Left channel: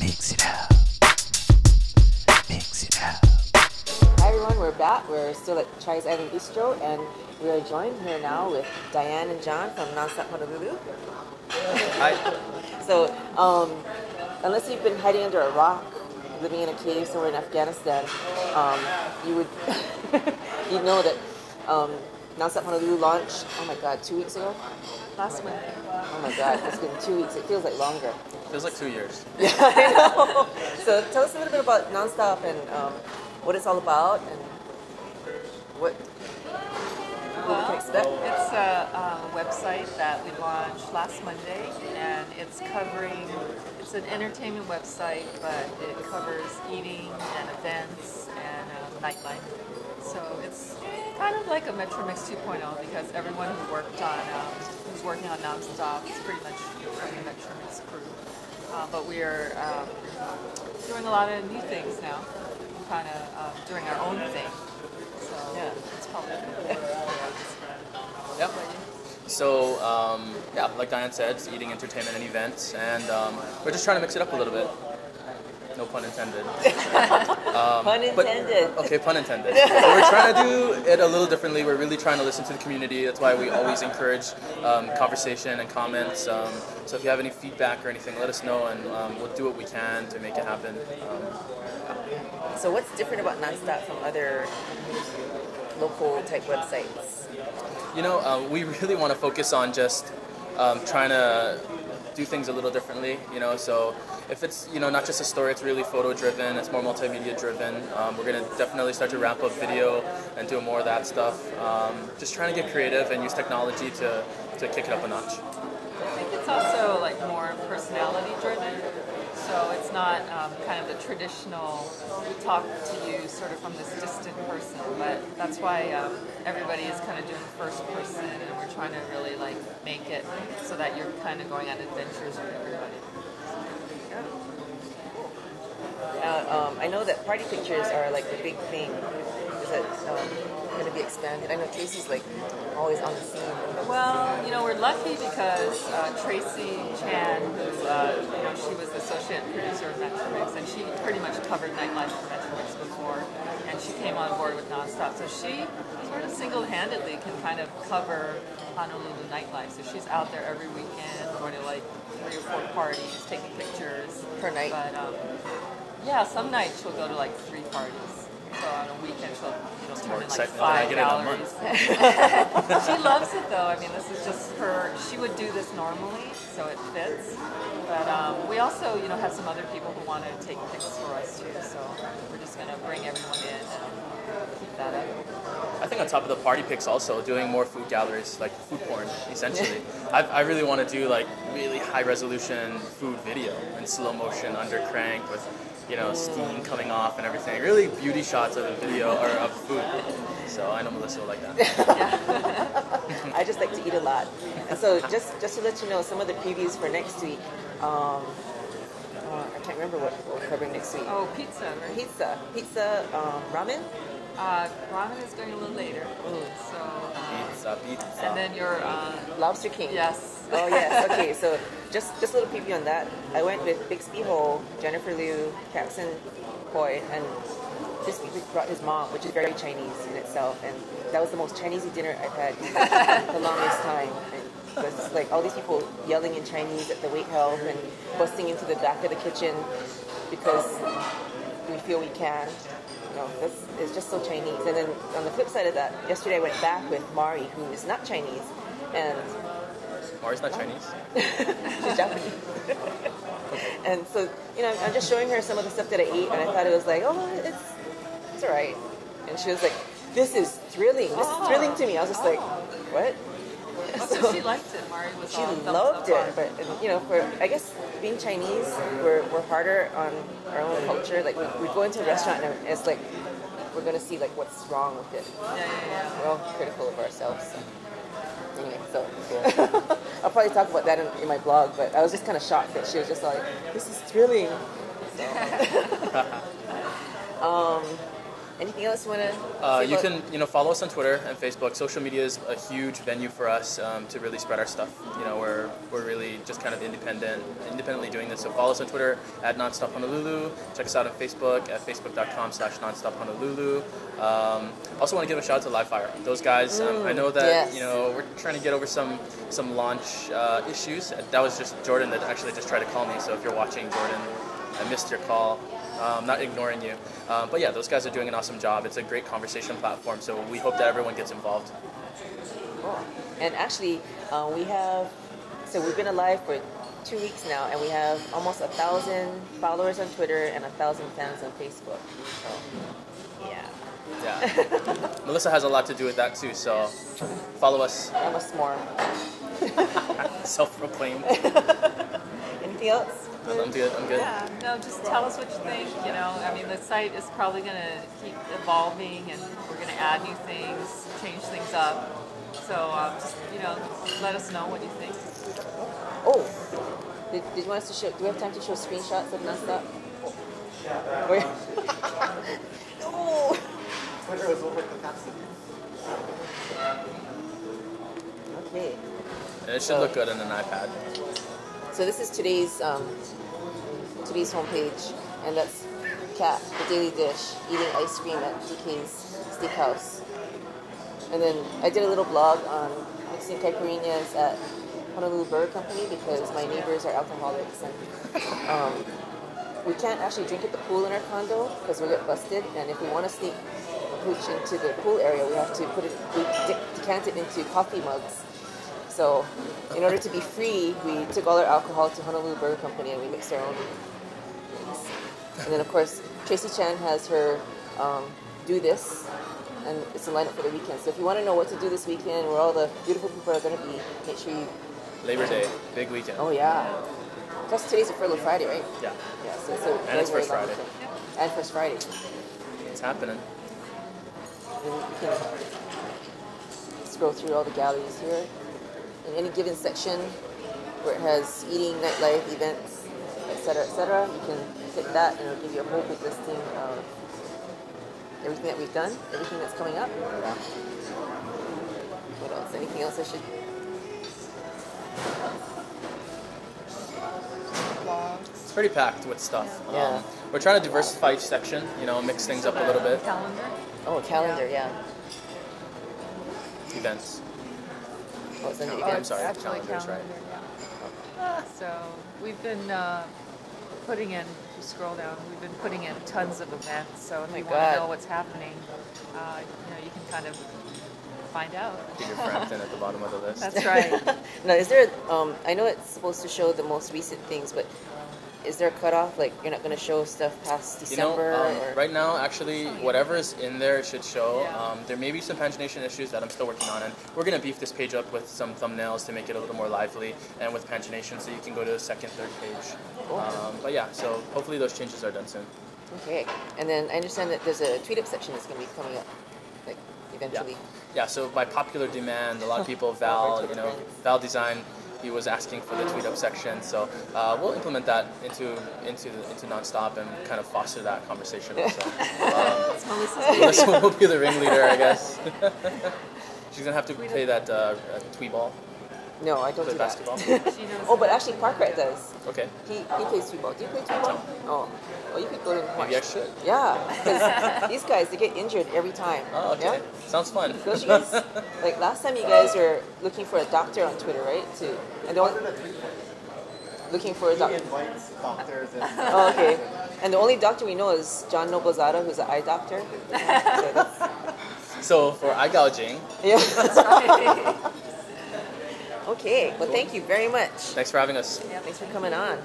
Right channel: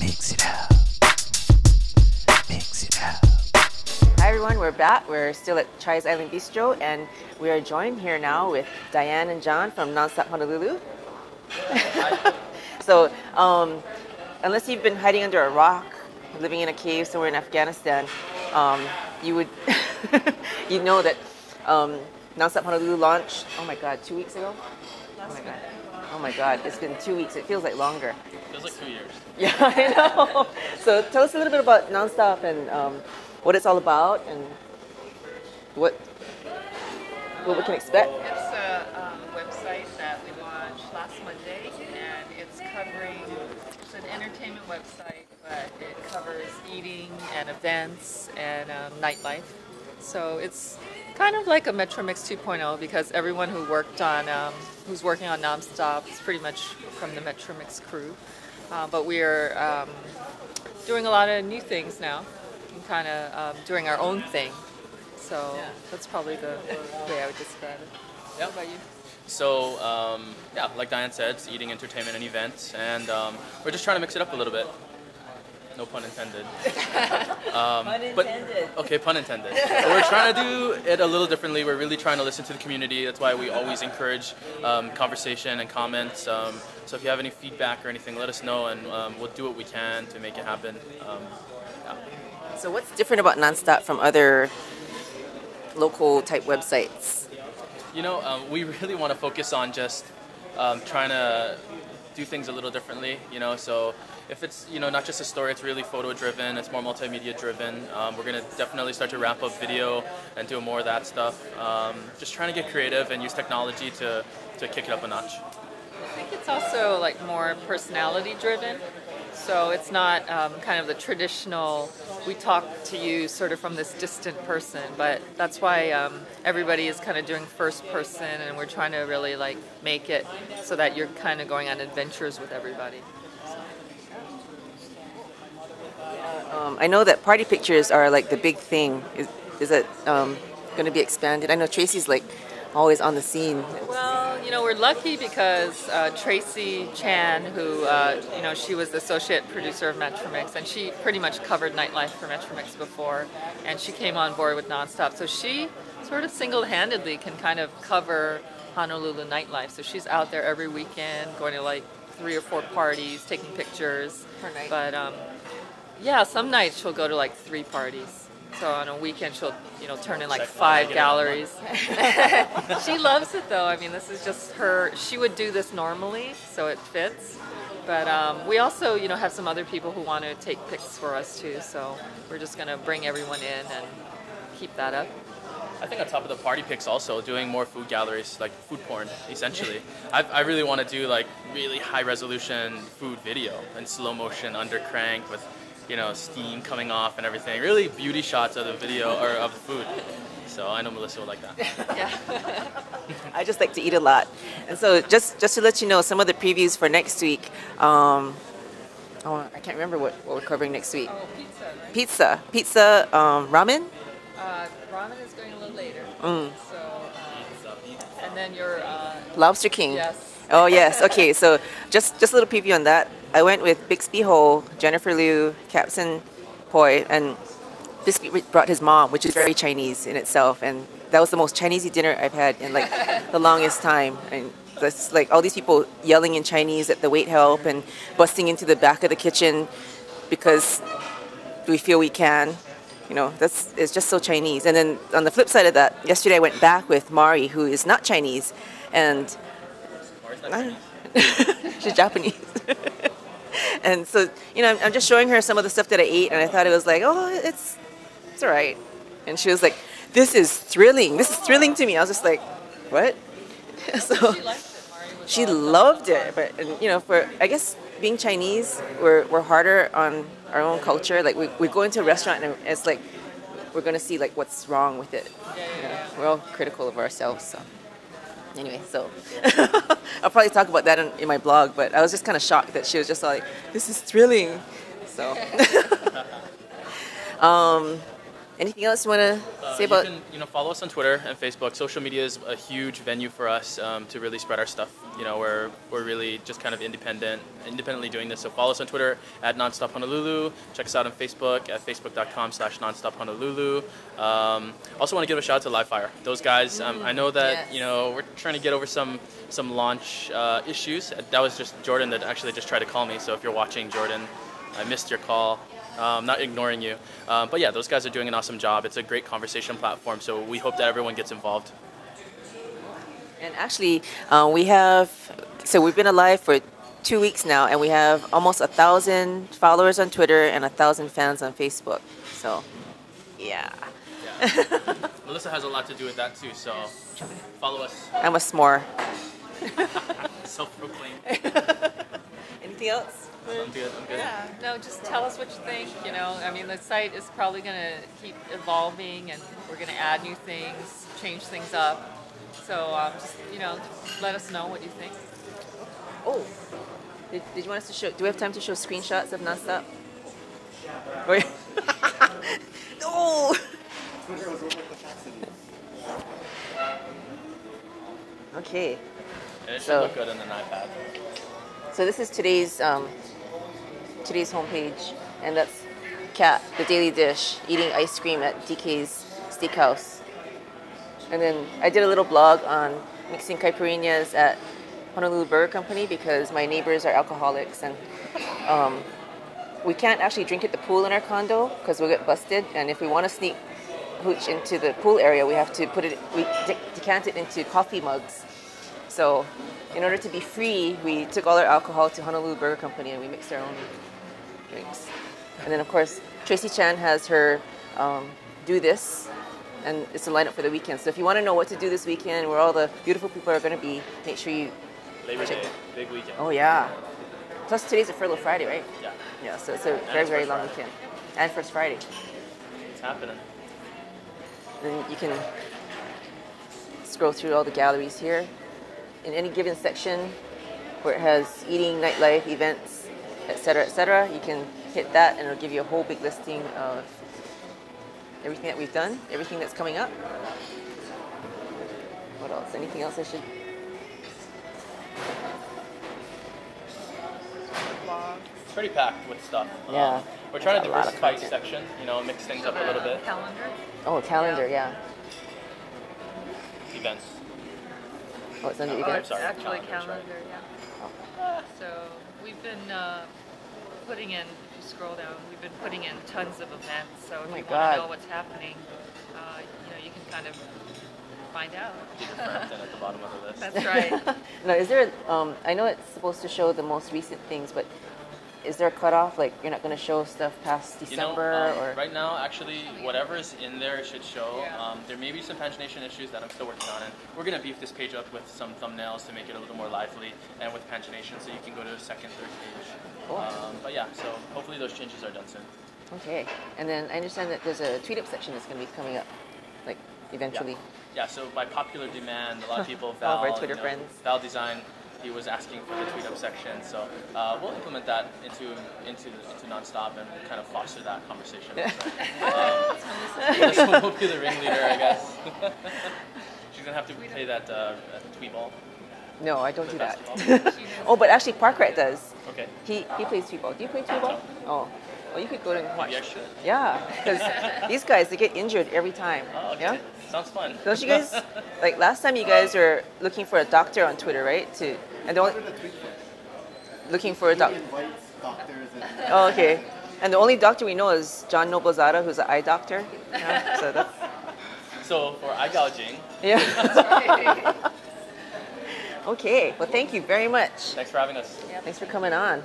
Mix it up. Mix it up. Hi everyone, we're back. We're still at XVIII Bistro, and we are joined here now with Diane and John from Nonstop Honolulu. Hi. So, unless you've been hiding under a rock, living in a cave somewhere in Afghanistan, you would you know that Nonstop Honolulu launched, oh my god, 2 weeks ago? Last week. Oh my god, it's been 2 weeks. It feels like longer. Feels like 2 years. Yeah, I know. So tell us a little bit about Nonstop and what it's all about and what we can expect. It's a website that we launched last Monday, and it's an entertainment website, but it covers eating and events and nightlife. So it's kind of like a Metromix 2.0 because everyone who's working on Nonstop is pretty much from the Metromix crew. But we are doing a lot of new things now, kind of doing our own thing. So that's probably the way I would describe it. Yep. So, like Diane said, it's eating, entertainment, and events, and we're just trying to mix it up a little bit. No pun intended. Pun intended. Okay, pun intended. But we're trying to do it a little differently. We're really trying to listen to the community. That's why we always encourage conversation and comments. So if you have any feedback or anything, let us know, and we'll do what we can to make it happen. So what's different about Nonstop from other local type websites? You know, we really want to focus on just trying to do things a little differently, you know, so if it's, you know, not just a story, it's really photo driven, it's more multimedia driven. We're going to definitely start to ramp up video and do more of that stuff. Just trying to get creative and use technology to kick it up a notch. I think it's also like more personality driven. So it's not kind of the traditional, we talk to you sort of from this distant person, but that's why everybody is kind of doing first person, and we're trying to really like make it so that you're kind of going on adventures with everybody. I know that party pictures are like the big thing. Is it going to be expanded? I know Tracy's like always on the scene. Well, you know, we're lucky because Tracy Chan, who, you know, she was the associate producer of Metromix, and she pretty much covered nightlife for Metromix before, and she came on board with Nonstop. So she sort of single-handedly can kind of cover Honolulu nightlife. So she's out there every weekend, going to like 3 or 4 parties, taking pictures. Per night? But yeah, some nights she'll go to like 3 parties. So on a weekend she'll, you know, turn in like 5 galleries. She loves it though. I mean, this is just her. She would do this normally, so it fits. But we also, you know, have some other people who want to take pics for us too. So we're just gonna bring everyone in and keep that up. I think on top of the party pics also, doing more food galleries, like food porn, essentially. I really want to do like really high resolution food video in slow motion under crank with, you know, steam coming off and everything. Really beauty shots of the video or of the food. So I know Melissa will like that. I just like to eat a lot. And so just to let you know, some of the previews for next week, I can't remember what we're covering next week. Oh, pizza, right? Pizza, ramen? Ramen is going a little later. So, Pizza. and then your Lobster King. yes. Oh yes, okay, so just a little preview on that. I went with Bixby Ho, Jennifer Liu, Capson Poi, and Bixby brought his mom, which is very Chinese in itself, and that was the most Chinese-y dinner I've had in like the longest time. And that's like all these people yelling in Chinese at the wait help and busting into the back of the kitchen because we feel we can. You know, it's just so Chinese. And then on the flip side of that, yesterday I went back with Mari, who is not Chinese, and Mari's not Chinese. she's Japanese. And so, you know, I'm just showing her some of the stuff that I ate, and I thought it was like, oh, it's all right. And she was like, this is thrilling. This is thrilling to me. I was just like, what? So she liked it. Mari was she all loved thumbs up. it. But, you know, for, I guess, being Chinese, we're harder on our own culture. Like, we go into a restaurant, and it's like, we're going to see, like, what's wrong with it. Yeah. We're all critical of ourselves, so. Anyway, so I'll probably talk about that in my blog, but I was just kind of shocked that she was just like, this is thrilling. So, Anything else you want to say You about? can follow us on Twitter and Facebook. Social media is a huge venue for us to really spread our stuff. We're really just kind of independently doing this. So follow us on Twitter at Nonstop Honolulu. Check us out on Facebook at facebook.com/nonstophonolulu. Also want to give a shout out to Livefire. Those guys, I know that yes. we're trying to get over some launch issues. That was just Jordan that actually just tried to call me. So if you're watching, Jordan, I missed your call. Not ignoring you. But yeah, those guys are doing an awesome job. It's a great conversation platform, so we hope that everyone gets involved. Cool. And actually, we've been alive for 2 weeks now, and we have almost 1,000 followers on Twitter and 1,000 fans on Facebook. So, yeah. Melissa has a lot to do with that too, so follow us. I'm a s'more. Self-proclaimed. Anything else? I'm good. Yeah, no, just tell us what you think. I mean, the site is probably going to keep evolving, and we're going to add new things, change things up. So, just, let us know what you think. Oh, did you want us to show? Do we have time to show screenshots of Nonstop? Okay. No. Okay. And it should look good on an iPad. So this is today's homepage, and that's Kat, the daily dish, eating ice cream at DK's Steakhouse. And then I did a little blog on mixing caipirinhas at Honolulu Burger Company because my neighbors are alcoholics, and we can't actually drink at the pool in our condo because we'll get busted. And if we want to sneak hooch into the pool area, we have to decant it into coffee mugs. So, in order to be free, we took all our alcohol to Honolulu Burger Company and we mixed our own drinks. And then, of course, Tracy Chan has her do this, and it's a lineup for the weekend. So if you want to know what to do this weekend, where all the beautiful people are going to be, make sure you... Labor Day, big weekend. Oh, yeah. Plus, today's a furlough Friday, right? Yeah. Yeah, so it's a very, very long weekend. And First Friday. It's happening. Then you can scroll through all the galleries here. In any given section where it has eating, nightlife, events, etc., you can hit that and it'll give you a whole big listing of everything that we've done, everything that's coming up. What else? Anything else I should... It's pretty packed with stuff. Yeah. We're trying to diversify each section, mix things up a little bit. Calendar. Oh, calendar, yeah. Events. Oh, it's under Oh, events. it's sorry, actually calendars, calendar, yeah. So we've been putting in, if you scroll down, we've been putting in tons of events. So if you want to know what's happening, you can kind of find out. Peter Frampton at the bottom of the list. That's right. Now, is there, I know it's supposed to show the most recent things, but is there a cutoff? Like, you're not going to show stuff past December? Or? Right now, actually, whatever is in there, it should show. There may be some pagination issues that I'm still working on, and we're going to beef this page up with some thumbnails to make it a little more lively, and with pagination, so you can go to a second, third page. But yeah, so hopefully those changes are done soon. Okay. And then I understand that there's a tweet-up section that's going to be coming up, like, eventually. Yeah, so by popular demand, a lot of people, All of our Val, Twitter friends. Val Design, he was asking for the tweet up section, so we'll implement that into Nonstop and kind of foster that conversation. So, Melissa will be the ringleader, I guess. She's gonna have to play that tweet ball. No, I don't The do basketball. that. Oh, but actually Parkrat does. Okay. He plays tweet ball. Do you play tweet ball? Oh. Well, you could go and watch. Maybe I should. Yeah, because these guys, they get injured every time. Oh, okay. Yeah? Sounds fun. Don't you guys, like last time you guys were looking for a doctor on Twitter, right? Looking for a doctor. He invites doctors and... Oh, okay. And the only doctor we know is John Noblezada, who's an eye doctor. Yeah, So for eye gouging. yeah. That's right. Okay. Well, thank you very much. Thanks for having us. Thanks for coming on.